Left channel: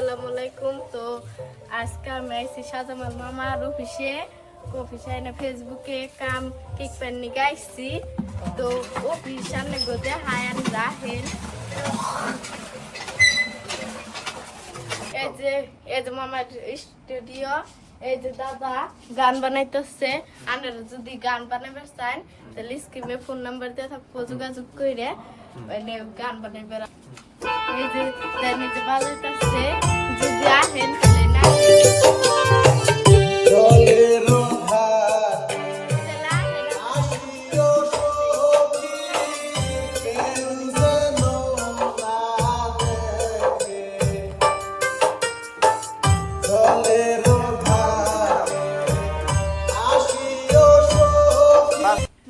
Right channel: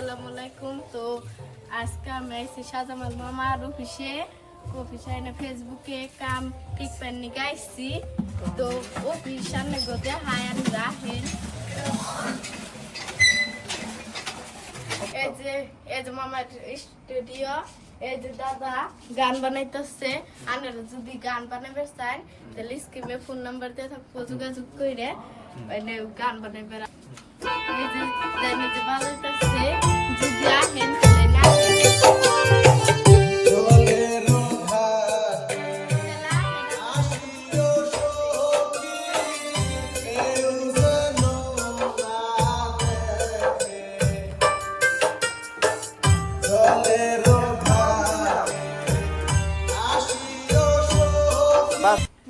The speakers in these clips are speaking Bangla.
আসসালামু আলাইকুম। তো আজকে আমি আইছি শাহজামাল মামার অফিসে এনে ফেসবুকে কাম ঠিক পাননি গাইছি। তো অফিস সামনে গোতে হায়ান রাহেন এই যে মামার স্টুডিও। এই যে দাদা গান বানাইতেছে। আপনারা যদি গান বানাইতে চান তাহলে স্ক্রিনে ফোন নাম্বার দিয়ে থাকবো, যোগাযোগ করে গান বানাইবে। এই যে জানিতে বানাইতেছে, যদি আসেন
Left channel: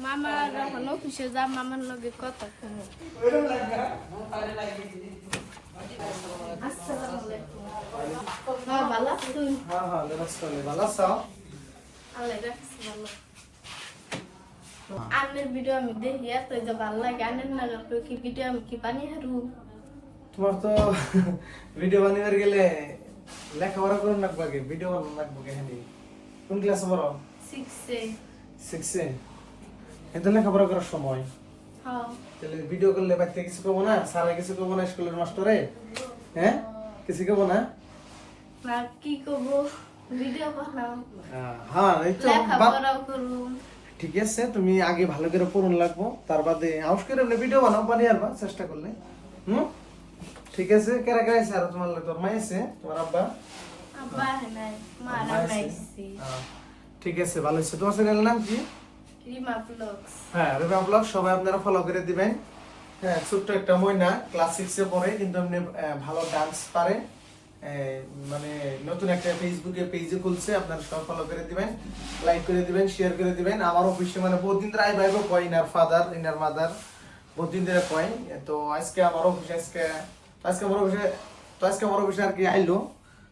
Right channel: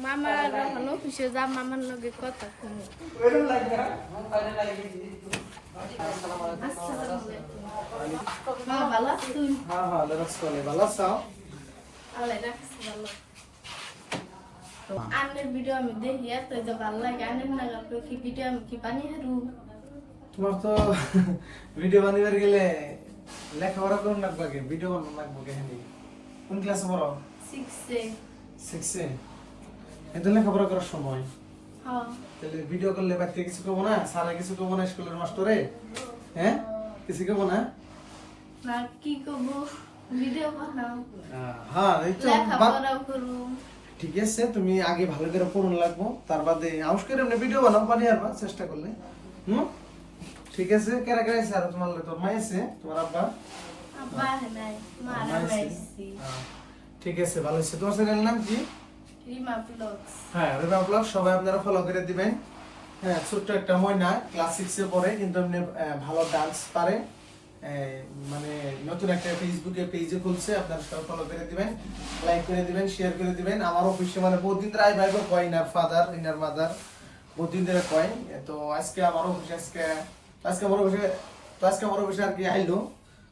মামার এখন অফিসে যা মামার লগে কথা শুনি। আনের ভিডিও আমি দেখি এত যে ভালো লাগে। আনের না কি ভিডিও আমি কি বানিয়ে হারু। তোমার তো ভিডিও বানিয়ে গেলে লেখাপড়া করুন লাগবে, আগে ভিডিও বানানো লাগবে। কাহিনী কোন ক্লাসে পড়ো? 6 এ। এত লেখাপড়া করার সময় তাহলে ভিডিও করলে বাড়িতে কিছু করবো না? স্যারের কিছু করবো না? স্কুলের মাস্টারে হ্যাঁ কিছু করবো না? না কি করবো, ভিডিও বানাও। হ্যাঁ এই তো লেখাপড়াও করব। ঠিক আছে, তুমি আগে ভালো করে পড়ুন লাগবো, তার বাদে আউস করে এমনি ভিডিও বানাও, বানিয়ে আরবা চেষ্টা করলে। ঠিক আছে। কেরা কেরা আছে আর তোমার লাগে? তোর মা আছে, তোমার আব্বা? আব্বা নাই, মা রামাইছি। ঠিক আছে, ভালো আছে। তোমার চ্যানেলের নাম কি? রিমা ব্লগস। হ্যাঁ, রিমা ব্লগ সবাই আপনারা ফলো করে দিবেন। হ্যাঁ, ছোট্ট একটা ময়না ক্লাস 6 এ পড়ে, কিন্তু এমনি ভালো ডান্স পারে। মানে নতুন একটা ফেসবুকে পেজে খুলছে, আপনারা সবাই ফলো করে দিবেন, লাইক করে দিবেন, শেয়ার করে দিবেন। আমার অফিসে মানে বহুদিন ধরে আই ভাইবো কয়, ইনার ফাদার ইনার মাদার বহুদিন ধরে কয়। তো আজকে আমার অফিসে আমার অফিসে আর কি আইলো।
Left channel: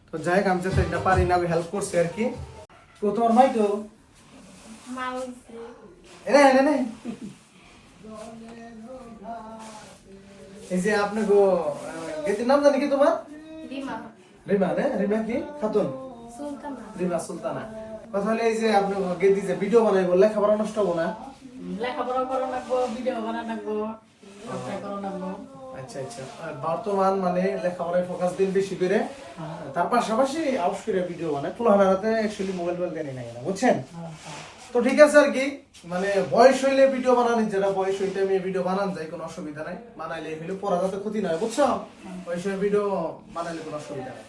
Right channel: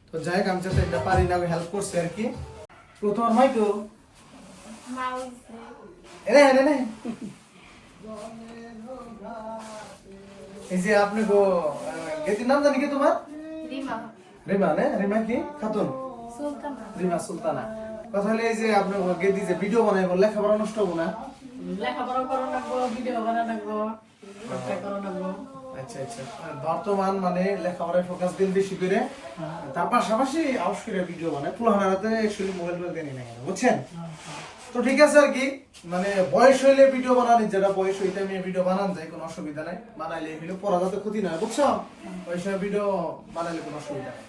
তো যাই হোক, আমি যাতে এটা পারি না হেল্প করছে আর কি। তো তোমার মাই তো মা হইছে এনে এই যে আপনি গো গেতির নাম জানি কি তোমার? রিমা। রিমা না? রিমা কি খাতুন? সুলতানা। রিমা সুলতানা। কথা হলে এই যে আপনি গেতি যে ভিডিও বানাইবো, লেখাপড়া নষ্ট হবো না? লেখাপড়া করা লাগবো, ভিডিও বানা লাগবো, করা লাগবো। আচ্ছা আচ্ছা। বর্তমান মানে লেখাপড়ায় ফোকাস দিন বেশি করে, তার পাশাপাশি আউস করে ভিডিও বানায়। পুরোহানাতে অ্যাকচুয়ালি মোবাইল দেনি না কেন, বুঝছেন? তো ঠিক আছে আর কি, মানে বয়স হইলে ভিডিও বানানি, যেটা বয়স হইতে আমি ভিডিও বানান যায়, কোনো অসুবিধা নাই। বানাইলে হইলে পড়া যাতে ক্ষতি নয়, বুঝছো? বয়সে ভিডিও বানাইলে কোনো অসুবিধা নাই।